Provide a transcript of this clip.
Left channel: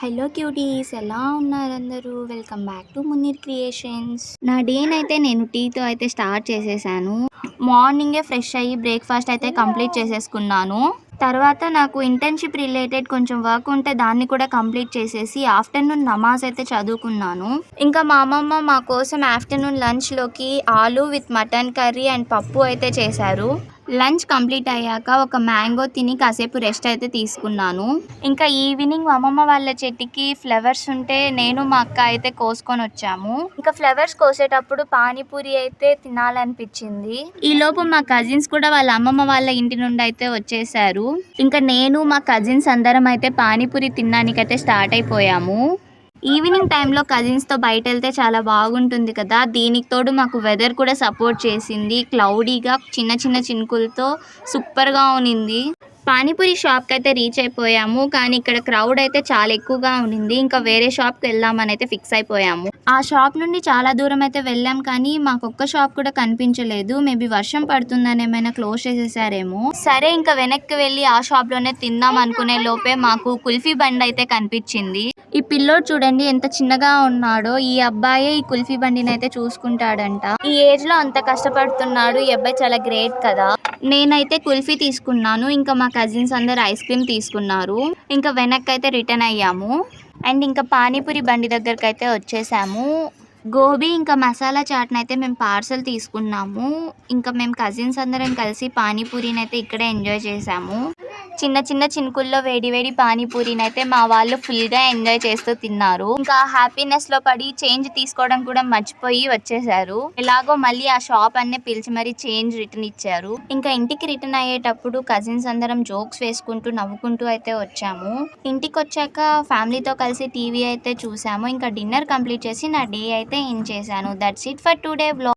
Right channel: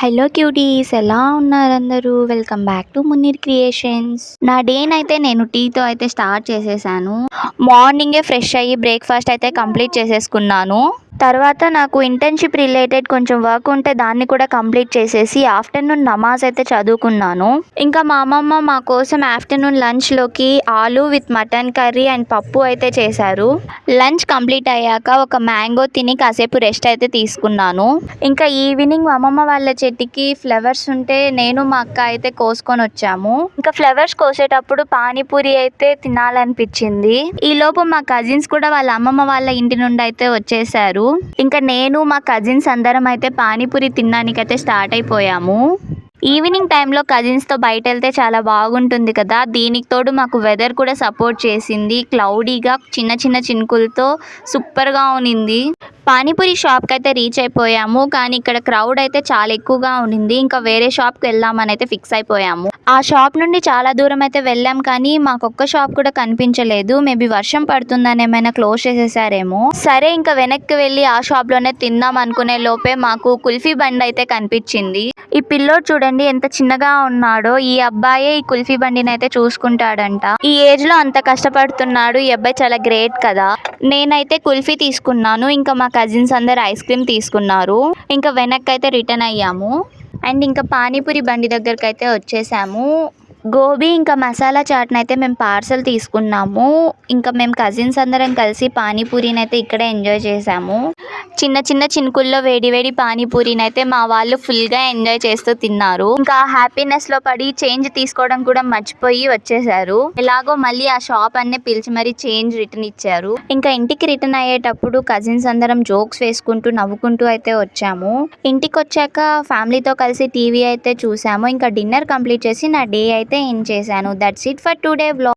Hello cuties, ఎలా ఉన్నారు అందరూ? Welcome back to Munir creations. నా డేనైతే నేను టీతో అయితే స్టార్ట్ చేసేసాను. మార్నింగే ఫ్రెష్ అయ్యి బ్రేక్ఫాస్ట్ అయితే కంప్లీట్ చేసేసుకున్నాను. తర్వాత నాకు ఇంటర్న్షిప్ రిలేటెడ్ కొంచెం వర్క్ ఉంటే దాన్ని కూడా కంప్లీట్ చేసేసి ఆఫ్టర్నూన్ నమాజ్ అయితే చదువుకున్నాను. ఇంకా మా అమ్మమ్మ మా కోసం ఆఫ్టర్నూన్ లంచ్లోకి ఆలు విత్ మటన్ కర్రీ అండ్ పప్పు అయితే చేశారు. లంచ్ కంప్లీట్ అయ్యాక ఒక మ్యాంగో తిని కాసేపు రెస్ట్ అయితే తీసుకున్నాను. ఇంకా ఈవినింగ్ మా అమ్మమ్మ వాళ్ళ చెట్టుకి ఫ్లవర్స్ ఉంటే నేను మా అక్క అయితే కోసుకొని వచ్చాము. ఇంకా ఫ్లవర్స్ కోసేటప్పుడు పానీపూరి అయితే తినాలనిపించింది. ఈ లోపు మా కజిన్స్ కూడా వాళ్ళ అమ్మమ్మ వాళ్ళ ఇంటి నుండి అయితే వచ్చేసారు. ఇంకా నేను మా కజిన్స్ అందరం అయితే పానీపూరి తినడానికైతే స్టార్ట్ అయిపోయాము. ఈవినింగ్ టైంలో కజిన్స్తో బయట వెళ్తే చాలా బాగుంటుంది కదా. దీనికి తోడు మాకు వెదర్ కూడా సపోర్ట్ చేసింది. క్లౌడీగా చిన్న చిన్న చినుకులతో సూపర్గా ఉన్నింది. పానీపూరి షాప్కి అయితే రీచ్ అయిపోయాము. కానీ ఇక్కడ క్రౌడ్ అయితే చాలా ఎక్కువగా ఉండింది. ఇంకా వేరే షాప్కి వెళ్దామని అయితే ఫిక్స్ అయిపోయాము. ఆ షాప్ నుండి చాలా దూరం అయితే వెళ్ళాం, కానీ మాకొక్క షాప్ కూడా కనిపించలేదు. మేబీ వర్షం పడుతుందని ఏమైనా క్లోజ్ చేసేసారేమో. సరే ఇంకా వెనక్కి వెళ్ళి ఆ షాప్లోనే తిందాం అనుకునే లోపే మాకు కుల్ఫీ బండి అయితే కనిపించింది. ఈ పిల్లోడు చూడండి ఎంత చిన్నగా ఉన్నాడో. ఈ అబ్బాయే ఈ కుల్ఫీ బండిని అయితే చూసుకుంటాడంట. ఈ ఏజ్ లో అంత కష్టపడుతున్నాడు. ఈ అబ్బాయి చాలా గ్రేట్ కదా. నేనైతే కుల్ఫీ తీసుకున్నాను. ఇంకా మా కజిన్స్ అందరు ఐస్ క్రీమ్ తీసుకున్నారు. ఇంకా వెనక్కి అయితే రిటర్న్ అయ్యాము. అండ్ ఇంకా పానీపూరి బండి దగ్గరికి అయితే వచ్చేసాము. గోబీ ఇంకా మసాలా చాట్ని అయితే మేము పార్సల్ తీసుకున్నాము. ఇంకా మేము కజిన్స్ అందరం కలిసి పానీపూరిని అయితే ఇక్కడే ఎంజాయ్ చేసాము. చిన్న చిన్న చినుకుల్లో వేడి వేడి పానీపూరిని అయితే మా వాళ్ళు ఫుల్గా ఎంజాయ్ చేస్తూ తిన్నారు. ఇంకా హ్యాపీనెస్లో పడి చేంజ్ తీసుకోవడం కూడా మర్చిపోయి వచ్చేసారు. ఎలాగో మళ్ళీ ఆ షాప్ అన్నీ పిలిచి మరీ చేంజ్ రిటర్న్ ఇచ్చారు. ఇంకా ఇంటికి రిటర్న్ అయ్యేటప్పుడు కజిన్స్ అందరం జోక్స్ వేసుకుంటూ నవ్వుకుంటూ అయితే వచ్చాము. ఇంటికి వచ్చాక ఫ్యామిలీతో కలిసి టీవీ అయితే చూసాము. ఇంకా డిన్నర్ కంప్లీట్ చేసి నా డే అయితే ఎండ్ చేశాను. That's it for today vlog.